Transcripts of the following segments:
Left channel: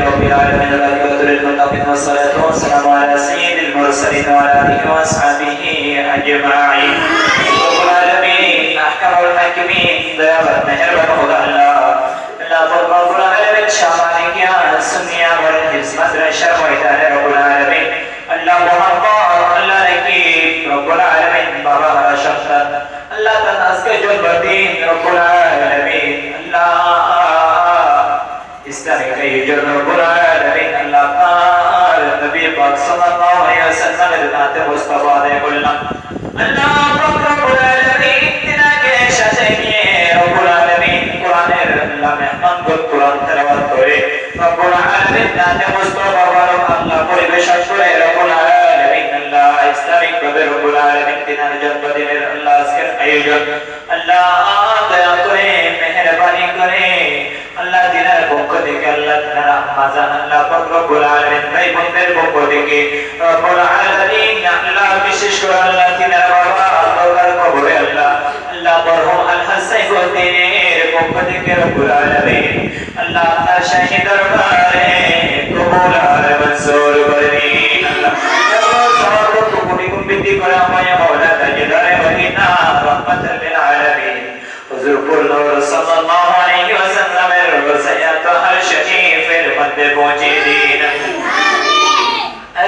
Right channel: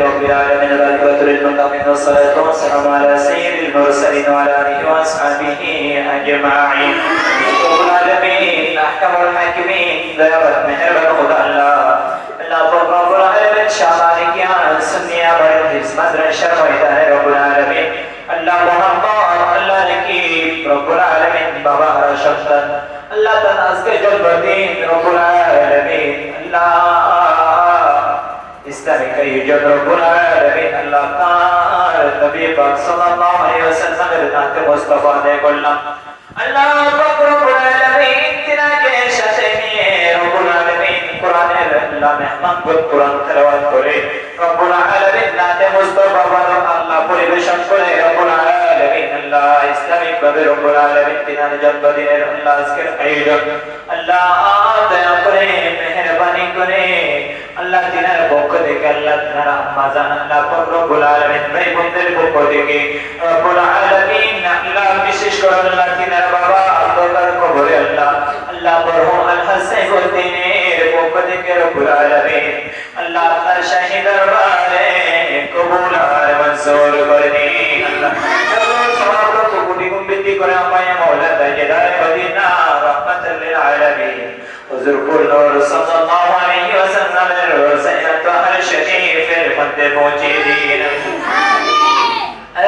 رب العالمين العاقبة للمتقين والصلاة والسلام على سيد المرسلين وعلى آله وأصحابه أجمعين رب العالمين أحكم الحاكمين دعوة مهربان خدا الله رب العالمين شامالك يا سنيا بڑے حزمت رشر وإدارة رب العالمين الله محمد الله نكيب رب العالمين بابا رشفتا الله تناسك جبتين رب العالمين الله إسلامك يجر رب العالمين الله تعالى النبي باك صلى الله عليه وسلم النات مصطفى دے قلنا الله رب العالمين تناك شتيني رب العالمين قرآن الله مهمان قد قرآن تلوات کرے رب العالمين نات مصطفى الله پریبشت کرے رب العالمين الله إسلامك بابي رب العالمين تنان جنبتين الله اسكر أيجب الله دیا کرے مہربانی کرے Allah dinar bokko deke Allah dinar amazan Allah Rabbul Alamin bhai bonder bokko deke Rabbul Alamin Allah bishesh kore Allah dinar baba abdar kobore Allah Allah barhum al hasan godiner bokko deke Rabbul Alamin Allah tar shahi darbare qabul al mansur barin Allah Allah kuni kumbiti kore amaya maula tajdare madina rahmatan lil alamin حضور نور صلى الله عليه وسلم سيرت الشريف المد موجودين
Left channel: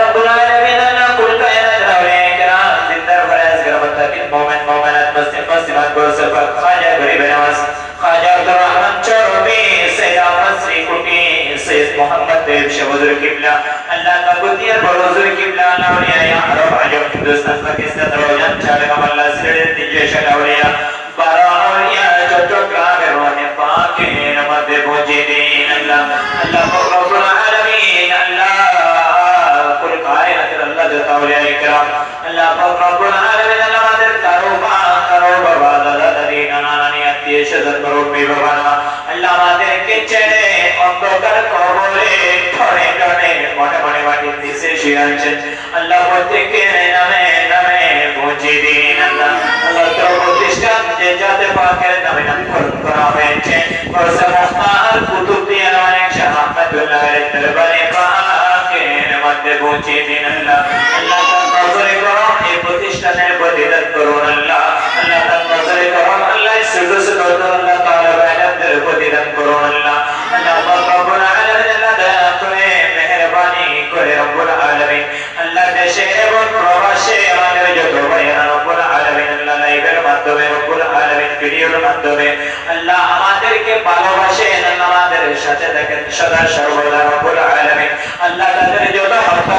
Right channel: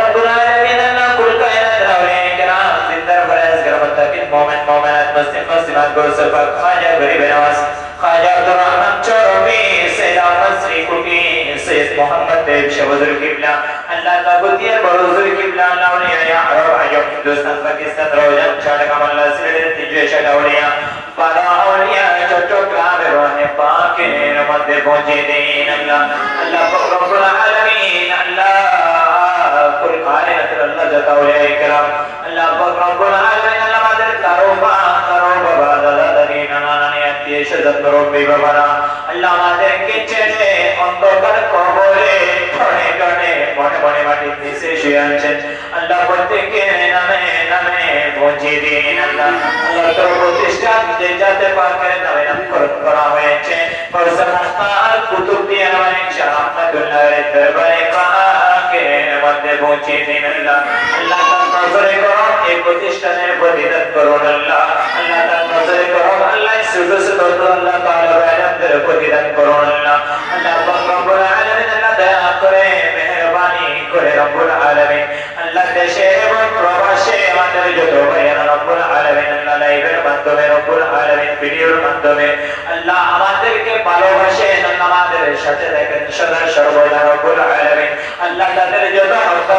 رب العالمين أن كل كائنات الأولياء الكرام زندر فراز كرامتك المؤمن مؤمنات مسلم مسلمات برسل خواجة غريب نواز خواجة عبد الرحمن چوروبي سيد مصري كوبي سيد محمد بيب شوزر قبلة الله تقدير بروزر قبلة الأولياء يا عرب عجب هندوستان باكستان روجان چارك الله سرد تجيش الأولياء بارا أولياء چوچوكرام روح پاک نمد موجودين الله الله رب العالمين الله كل كائنات الله جت أولياء الكرام الله رب العالمين الله مادر كروبا دادا دادی نانا نانی আত্মীয় স্বজন মুরব্বি বাবারা الله مادر কিচেনে অন্ধকার কবরে ঠনে ঠনে মনে মনে মাটির নিচে শুয়ে আছেন الله প্রত্যেকের নামে নামে موجودين الله الله তোর প্রতিষ্ঠান যে জাতে পাকের নামে নামকরণ করা হয়েছে ওর সমস্তার কুতুব দিয়ে অনেক শাহাদাতুল্লাহর দরবারে পাকের মধ্যে পৌঁছে দিন আল্লাহ আল্লাহ তার নজরে করম এই প্রতিষ্ঠানের প্রতিদান করুন আল্লাহ আল্লাহ তার নজরে করম আল্লাহ সুজুদ আল্লাহ তাআলা বায়ানদের প্রতিদান করুন আল্লাহ আল্লাহ রব্বুল আলামিন আল্লাহ দয়া করে মেহেরবানি করে রব্বুল আলামিন আল্লাহ দেশে এবং প্রবাসে আমাদের যত ভাইরা রব্বুল আলামিন আল্লাহ লাইভের মাধ্যমে রব্বুল আলামিন ভিডিওর মাধ্যমে আল্লাহ আমাদেরকে ভালোবাসেন আল্লাহ আমাদের সাথে থাকেন সদা সর্বদা রব্বুল আলামিন আল্লাহ তাদের যত হত্যা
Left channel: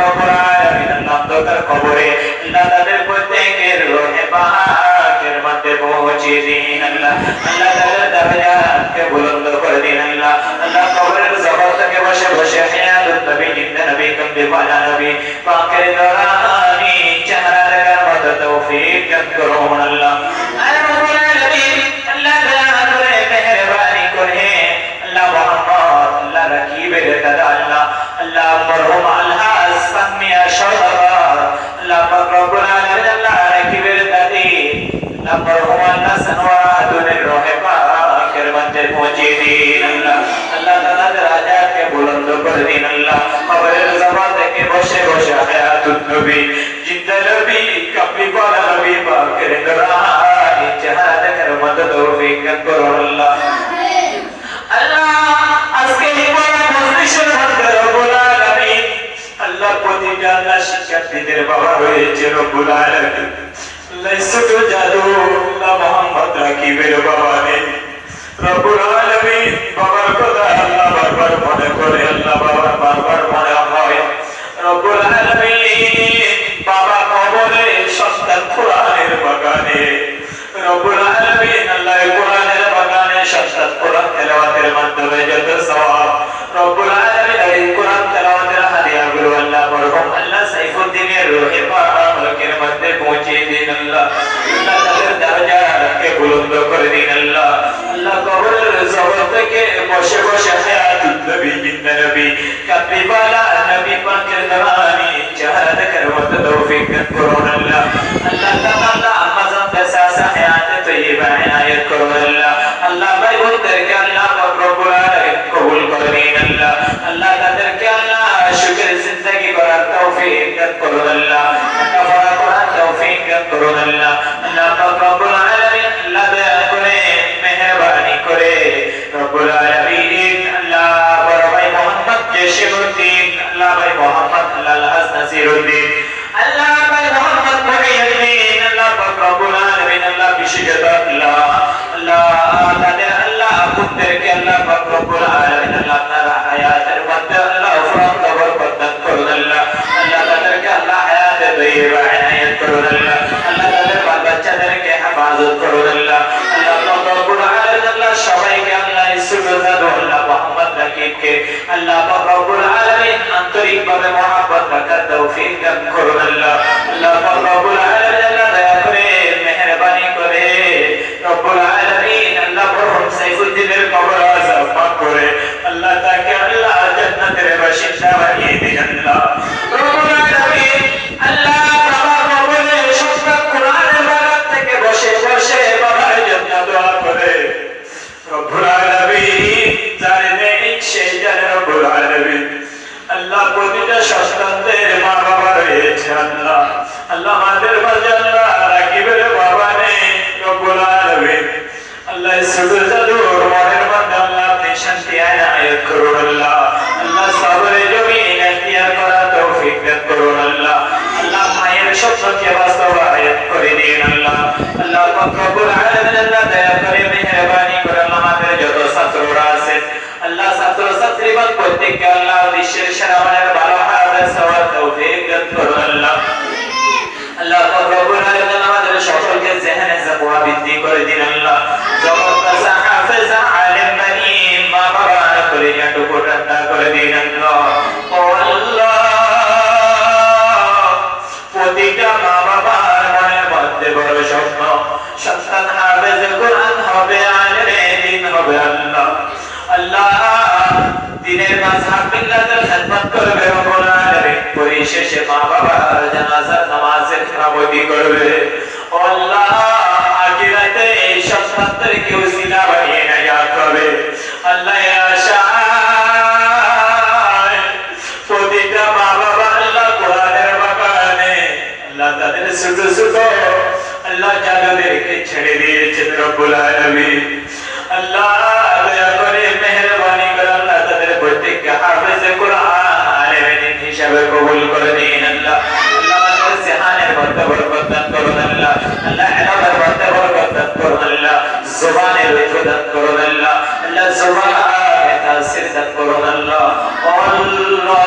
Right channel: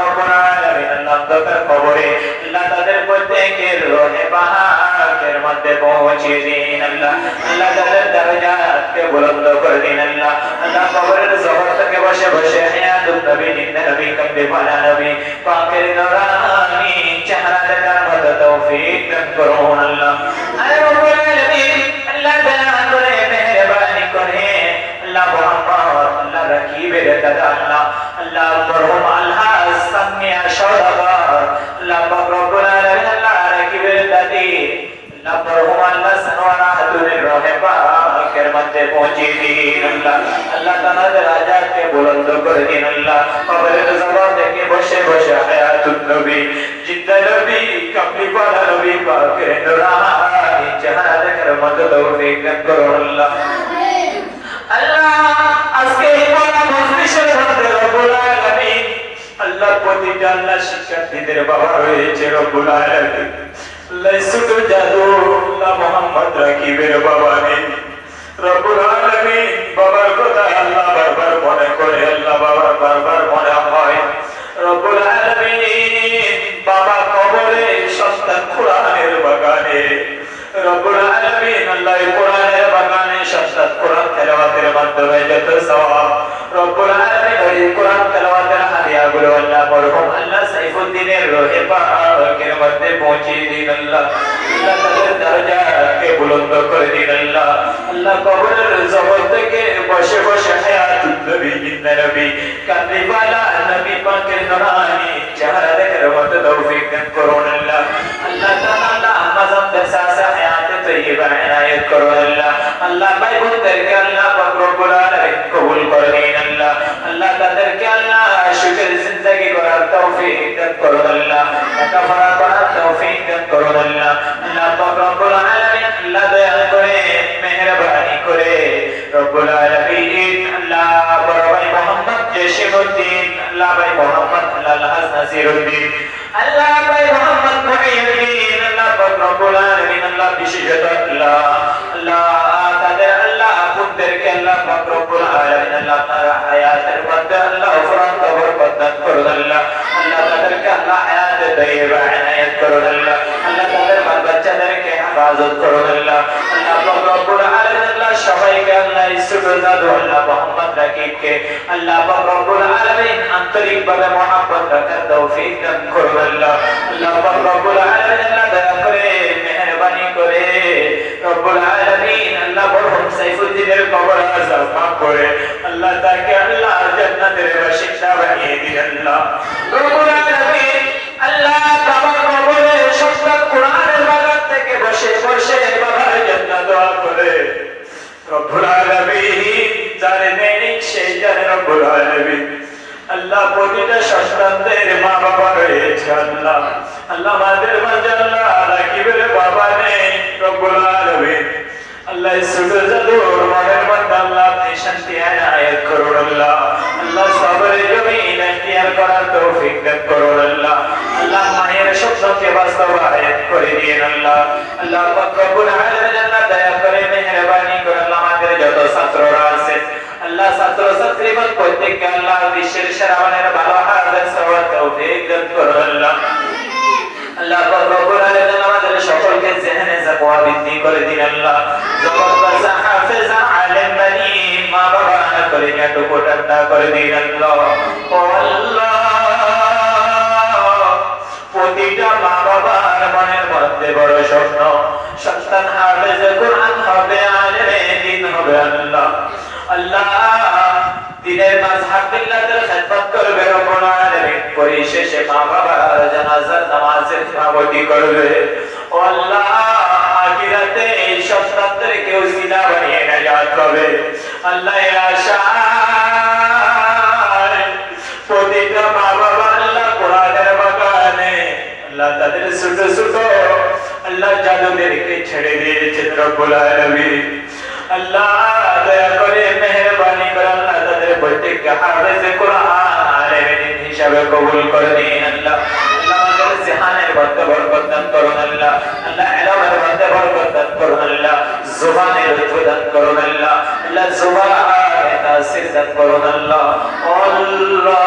রব্বুল আলামিন আল্লাহ অন্ধকার কবরে আল্লাহ তাদের প্রত্যেকের রোহে পাকের মধ্যে পৌঁছে দিন আল্লাহ আল্লাহ তাদের দরজাকে বুলন্দ করে দিন আল্লাহ আল্লাহ কবরের জগৎ থেকে বসে বসে হায়াতুন নবী জিন্দা নবী কমবে পানা নবী পাকের নূরানি চেহারা দেখার মতো তৌফিক দান করুন আল্লাহ রব্বুল আলামিন আল্লাহ দয়া করে মেহেরবানি করে আল্লাহ মুহাম্মদ আল্লাহ রাকিবের দাদা আল্লাহ আল্লাহ মরহুম আলহাজ সামিয়া শরফা আল্লাহ পাক রব্বুল আলামিন আল্লাহ রাকিবের দাদি আল্লাহ মরহুম আলহাজ ওয়ারাহাতুনের রহে পাকের মধ্যে পৌঁছে দিন আল্লাহ আল্লাহ তাআলা রাজাকে বুলন্দ করে দিন আল্লাহ কবরের জগৎ থেকে বসে বসে হায়াতুন নবী জিন্দা নবী কবরি পালা নবী পাকের নূরানি চেহারা দেখার মতো তৌফিক দান করুন আল্লাহ আমিন আল্লাহ আজকে এই বড় মজলিসের মধ্যে রব্বুল আলামিন আল্লাহ প্রতিটা আল্লাহ শিক্ষার্থীদের বাবা রয়েছে রব্বুল আলামিন লাইসুত জাদু আল্লাহ মুহাম্মদ রাকিবের বাবা নেই রব্বুল আলামিন বাবার কথা আল্লাহ বারবার মনে করে আল্লাহ বাবার বারবার মনে হয় রব্বুল আলামিন বাবা কবরে সন্তান কোরআনের বাগানে রব্বুল আলামিন আল্লাহ কোরআনের বাগানে সন্তান কোরআন তেলাওয়াতের মাধ্যমে যত সওয়াব রব্বুল আলামিন এই কোরআন তেলাওয়াতের হাদিয়াগুলো আল্লাহ মরহুম আল্লাহ সাইফুদ্দিনের রূহে পাকের মধ্যে পৌঁছে দিন আল্লাহ আল্লাহ তাদের দরজাকে বুলন্দ করে দিন আল্লাহ আল্লাহ কবরের জগৎ থেকে বসে বসে হায়াতুন নবী জিন্দা নবী কামলিওয়ালা নবী পাকের নূরানি চেহারা দেখার মতো তৌফিক দান করুন আল্লাহ আল্লাহ তাআলা আমাজন তাসাসা হায়াতে তয়্যিবা ইনায়াত করুন আল্লাহ আল্লাহ ভাই বোনদেরকে আল্লাহ পাক রব্বুল আলামিন কবুল করে নিন আল্লাহ আল্লাহ তাদেরকে আল্লাহ সুখের জিন্দেগি করার তৌফিক দান করুন আল্লাহ, লেখাপড়া করার তৌফিক দান করুন আল্লাহ। আল্লাহ পাক রব্বুল আলামিন আল্লাহ দয়া করে মেহেরবানি করে রব্বুল আলামিন আল্লাহ বড় ভাই মোহাম্মদ জসিমউদ্দিন, আল্লাহ ভাই মোহাম্মদ আলহাজ নাসিরউদ্দিন, আল্লাহ ভাই মোহাম্মদ মুহিউদ্দিন, আল্লাহ পাক রব্বুল আলামিন আল্লাহ বিশেষত আল্লাহ তাদের আল্লাহ পুত্রকে আল্লাহ পাক রব্বুল আলামিন আল্লাহ তাআলা হায়াতের মধ্যে আল্লাহ ফরমান বরকত দান করুন আল্লাহ। আল্লাহ তাদেরকে আল্লাহ হায়াতে তয়্যিবা ইনায়াত করুন আল্লাহ। আল্লাহ তাদের বাল বাচ্চাদেরকে হেফাজত করুন আল্লাহ। আল্লাহ পাক রব্বুল আলামিন আল্লাহ সবাইকে আল্লাহ সুবহানাহু আল্লাহ মুহাম্মদ রাকিবকে আল্লাহ পাক রব্বুল আলামিন আন্তরিকভাবে মহব্বত রাখার তৌফিক দান করুন আল্লাহ। আল্লাহ পাক রব্বুল আলামিন আল্লাহ দয়া করে মেহেরবানি করে রব্বুল আলামিন আল্লাহ মরহুম সাইফুদ্দিনের কবর আযাব মাফ করে আল্লাহ তাকে আল্লাহ জান্নাতের বাসিন্দা বানিয়ে দিন আল্লাহ। রব্বুল আলামিন আল্লাহ বাবার কবরে সত্য কোরআনের বাগান থেকে বসে বসে বাবার জন্য দোয়া করে রব্বুল আলামিন যারে নেই সে জানে রব্বুল আলামিন আল্লাহ প্রতিটা সন্তানদের মা বাবা রয়েছে আল্লাহ। আল্লাহ আমাদের মাঝে আল্লাহ রাকিবের বাবা নেই রব্বুল আলামিন আল্লাহ সুবহান জাদুর মনের মধ্যে আল্লাহ আপনি শান্তি আনায়াত করুন আল্লাহ। আল্লাহ সবরে জমিন ইখতিয়ার করার তৌফিক দান করুন আল্লাহ। আল্লাহ মায়ের স্বপ্নকে বাস্তবায়ন করে দিন আল্লাহ। আল্লাহ পাক রব্বুল আলামিন আল্লাহ দয়া করে মেহেরবানি করে আল্লাহ আমাদের যত ছাত্ররা আছে আল্লাহ ছাত্র ছাত্রীগণ প্রত্যেককে আল্লাহ বিশ্বের সেরা মানের ভালো হাফেজ হওয়ার তৌফিক দান করুন আল্লাহ। আল্লাহ পাক রব্বুল আলামিন আমাদের সকলকে জেহনে তাকওয়া বৃদ্ধি করে দিন আল্লাহ। জগৎ বাদশা হাফেজ আলেম বানি মা বাবা করে টুকু ঠান্ডা করে দিন আল্লাহ। ও আল্লাহ প্রতিটা মা বাবার মনের মধ্যে বড় স্বপ্ন সন্তান হাফেজ কোরআন হবে, আলেমে দ্বীন হবে আল্লাহ। আল্লাহ দিনের মাযহাব বিল্লাহর খিদমত করবে রব্বুল আলামিন, পরিশেষে মা বাবার জানাজার নামাজের ইমামতি করবে। ও আল্লাহ আখিরাতে এই সন্তানদেরকে উসিলা বানিয়ে নাজাত করবে আল্লাহ। আশায় প্রতিটা মা বাবা আল্লাহ কোরআনের বাগানে আল্লাহ তাদের ছোট ছোট আল্লাহ জাদুদেরকে ছেড়ে দিয়েছেন রব্বুল আলামিন। আল্লাহ দয়া করে মেহেরবানি করে আল্লাহ তাদের প্রত্যেককে হাফেজে কোরআন আলেমে দ্বীন হিসাবে কবুল করে দিন আল্লাহ। আল্লাহ আমাদের জিহানের মধ্যে বরকত দান করুন আল্লাহ। আল্লাহ ইলমের মধ্যে বরকত দান করুন আল্লাহ। জবানের লুৎফ দান করুন আল্লাহ। আল্লাহ জবানে তাসির দান করুন আল্লাহ। আল্লাহ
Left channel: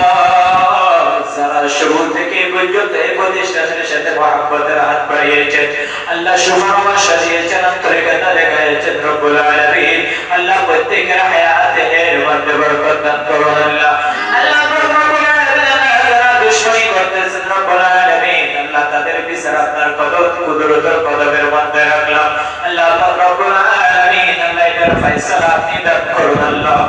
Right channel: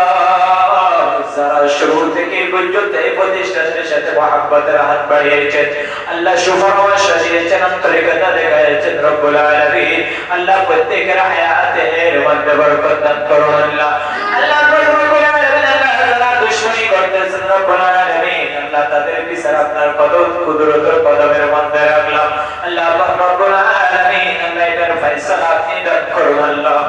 যারা শুরু থেকে পর্যন্ত এই প্রতিষ্ঠানের সাথে মহব্বতের হাত বাড়িয়েছেন আল্লাহ শুভনামা সাজিয়েছেন আন্তরিকতা দেখাইছেন রব্বুল আলামিন আল্লাহ প্রত্যেকের হায়াতের মধ্যে বরকত দান করুন আল্লাহ। আল্লাহ রব্বুল আলামিন যারা দুশমনী করতেছেন রব্বুল আলামিন আল্লাহ তাদের বিচার আপনার কদম কুদরতের কদমের মধ্যে রাখলাম আল্লাহ রব্বুল আলামিন আল্লাহ এটার ফয়সালা আপনি দান করুন আল্লাহ।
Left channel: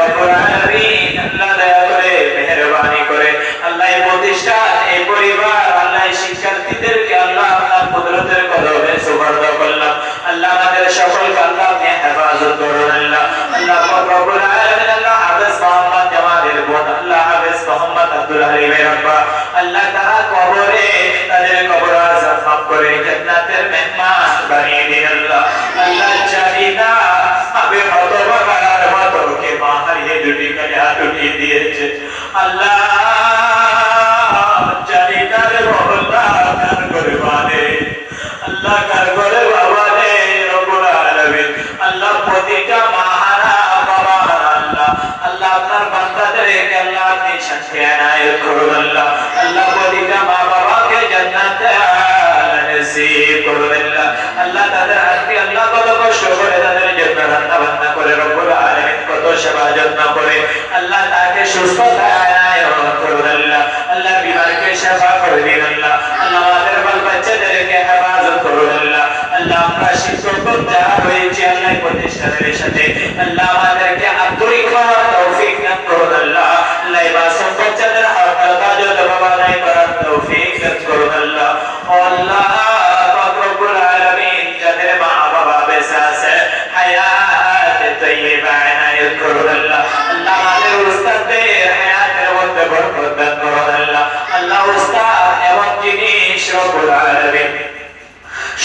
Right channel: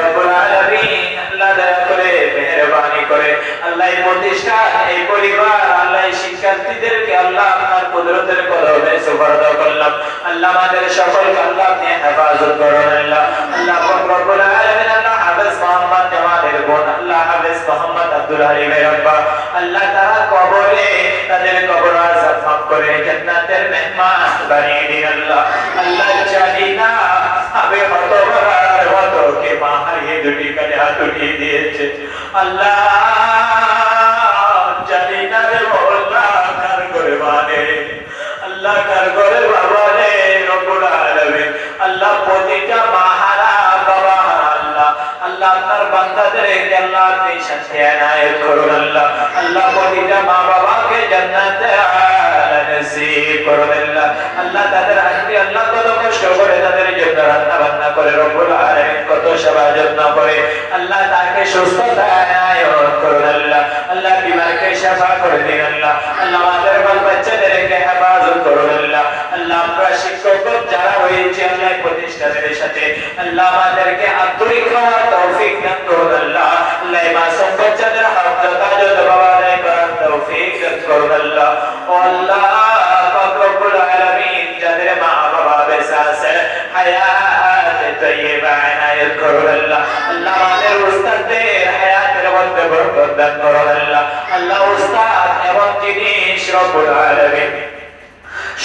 রব্বুল আলামিন আল্লাহ দয়া করে মেহেরবানি করে আল্লাহ এই প্রতিষ্ঠান এই পরিবার আল্লাহ শিক্ষার্থীদেরকে আল্লাহ আপনার কুদরতের কদমে সুপর্দ করলাম আল্লাহ। আমাদের সকলকে আল্লাহ আপনি হেফাজত করুন আল্লাহ। আল্লাহ রব্বুল আলামিন আল্লাহ হাফেজ মোহাম্মদ জামালের বোন আল্লাহ হাফেজ মোহাম্মদ আব্দুল হালিমের আব্বা আল্লাহ তারা কবরে তাদের কবর আযাব মাফ করে জান্নাতের মেহমান বানিয়ে দিন আল্লাহ। আল্লাহ চাহিদা আমি হতভাগার মতো কে মা হারিয়ে দুটি কালে হাত উঠিয়ে দিয়েছে আল্লাহ চাহিদারে বলা কার করে মানে আল্লাহ কার করে বাবা রে রব্বুল আলামিন আল্লাহ প্রতিটা মাহারা বাবা আল্লাহ আল্লাহ আপনার বান্দাদেরকে আল্লাহ আপনি শান্তি আনায়াত করুন আল্লাহ। আল্লাহ প্রতিটা মা বাবাকে জান্নাতে নসিব করুন আল্লাহ। আল্লাহ তাদের আজকে আল্লাহ কত কষ্ট করে তাদের জন্য রান্না বান্না করে রব্বুল আলামিন কত সেবা যত্ন করে আল্লাহ তাকে সুস্থতা আনায়াত করুন আল্লাহ। আল্লাহ বিমারকে সেবা করে দিন আল্লাহ। আল্লাহ আমাদের বাল বাচ্চাদেরকে হেফাজত করুন আল্লাহ। আল্লাহ আমরা শিক্ষক যারা রয়েছে আল্লাহ প্রতিষ্ঠানের সাথে আল্লাহ আমাদেরকে আন্তরিক হওয়ার তৌফিক দান করুন আল্লাহ। আল্লাহ এই মাসুম বাচ্চাদের হক কাজত বাবানাই করার তৌফিক দান করুন আল্লাহ। আল্লাহ পাক রব্বুল আলামিন যাদের মা বাবা বেঁচে আছে হায়াত তয়্যিবা ইনায়াত করুন আল্লাহ। আল্লাহ আমাদের উস্তাদদের বরকত দান করুন আল্লাহ আল্লাহ উস্তাদ এবং জিনিস রব্বুল আলামিন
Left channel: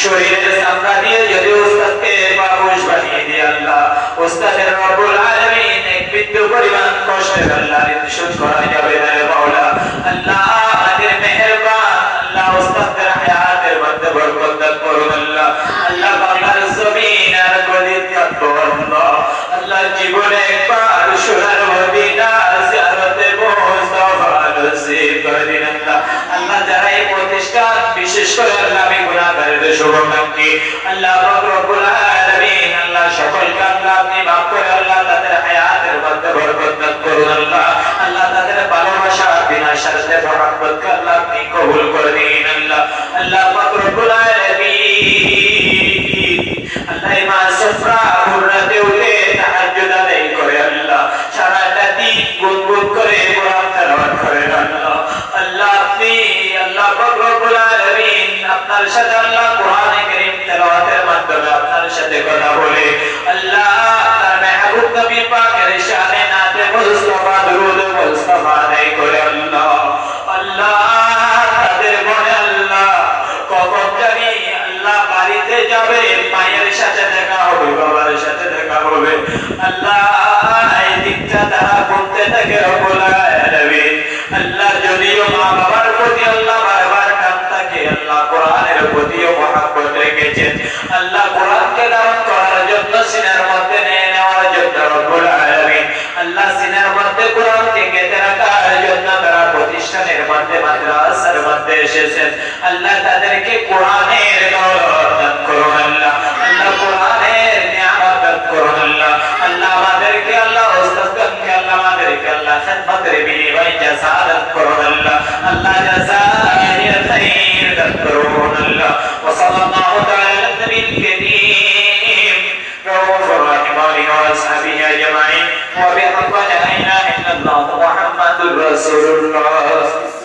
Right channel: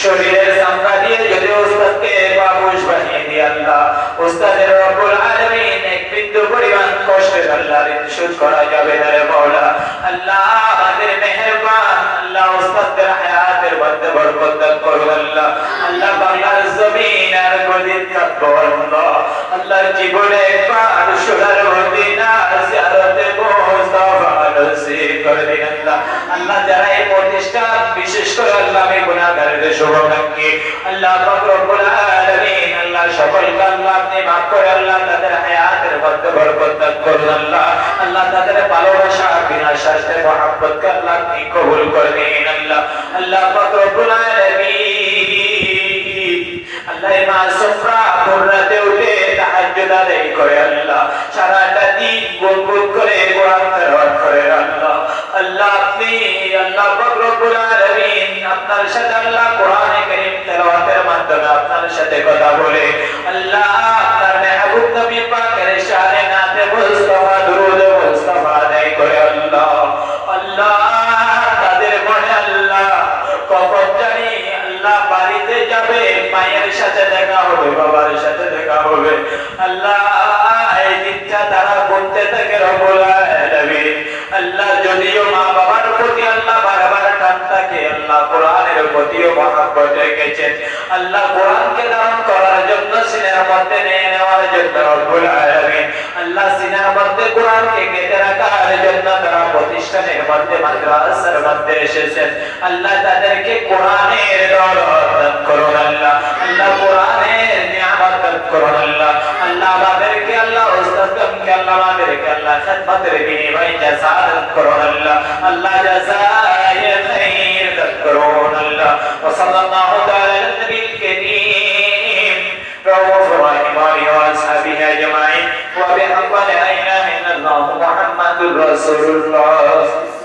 শরীরের চামড়া দিয়ে যদি উস্তাদকে বাবুশ বানিয়ে দিয়ে আল্লাহ উস্তাদের রব্বুল আলামিন এক বিন্দু পরিমাণ কষ্টের আল্লাহ রিশুদ করা যাবে না রে মাওলা আল্লাহ আমাদের মেহেরবান আল্লাহ উস্তাদের হায়াতের মধ্যে বরকত দান করুন আল্লাহ আল্লাহ বাংলার জমিন আর গদির কাঁদবো আল্লাহ আল্লাহ জীবনে একবার সোনার মদিনা জিয়ারতে মুস্তাফা নসিব করে দিন আল্লাহ আল্লাহ যারা এই প্রতিষ্ঠান বিশেষ করে আল্লাহ আমি গুনাহগারদের শুভাকাঙ্ক্ষী আল্লাহ রব্বুল আলামিন আল্লাহ সকলকে আল্লাহ আপনি মাফ করে আল্লাহ তাদের হায়াতের মধ্যে বরকত দান করুন আল্লাহ আল্লাহ তাদের ভালোবাসা বিনা স্বার্থে মহব্বতকে আল্লাহ আপনি কবুল করে দিন আল্লাহ আল্লাহ রব্বুল আলামিন আল্লাহ মা সুফরা ভোররাতে উঠে তাহাজ্জুদ আদায় করে আল্লাহ সারাটা দিন গুনগুন করে কোরআন তেলাওয়াত করেন আল্লাহ আল্লাহ আপনি আল্লাহ রব্বুল আলামিন আপনার সাথে আল্লাহ কোরআনে কারীম তেলাওয়াতের মাধ্যমে আপনার সাথে কথা বলে আল্লাহ আপনার মেহবুব নবী পাকের শানে নাতে মুস্তাফা দুরূদ মুস্তাফা আদায় করে আল্লাহ আল্লাহ তাদের মনে আল্লাহ কখন জানি আল্লাহ বাড়িতে যাবে মায়ের সাথে দেখা হবে বাবার সাথে দেখা হবে আল্লাহ এই দিকটা তারা করতে থাকে রব্বুল আলামিন আল্লাহ যদিও মা বাবার প্রতি আল্লাহ বারবার টান থাকে আল্লাহ কোরআনের প্রতিও মহব্বত রেখেছেন আল্লাহ কোরআনকে ধারণ করার জন্য সিনার মধ্যে নিয়ে নেওয়ার জন্য রব্বুল আলামিন আল্লাহ সিনার মধ্যে কোরআনকে গেঁথে রাখার জন্য তারা প্রতিষ্ঠানের মধ্যে মাদ্রাসার মধ্যে এসেছেন আল্লাহ তাদেরকে কোরআনের দৌলত দান করুন আল্লাহ আল্লাহ কোরআনের নিয়ামত দান করুন আল্লাহ আল্লাহ আমাদেরকে আল্লাহ উস্তাদকে আল্লাহ আমাদেরকে আল্লাহ খিদমতের বিনিময়ে জাযা দান করুন আল্লাহ আল্লাহ জাযায়ে খাইর দান করুন আল্লাহ ওয়া সাল্লাল্লাহু তাআলা আলা নবিয়িল কারীম رؤوف رحيم وأصحابه أجمعين وبحق لا إله إلا الله محمد رسول الله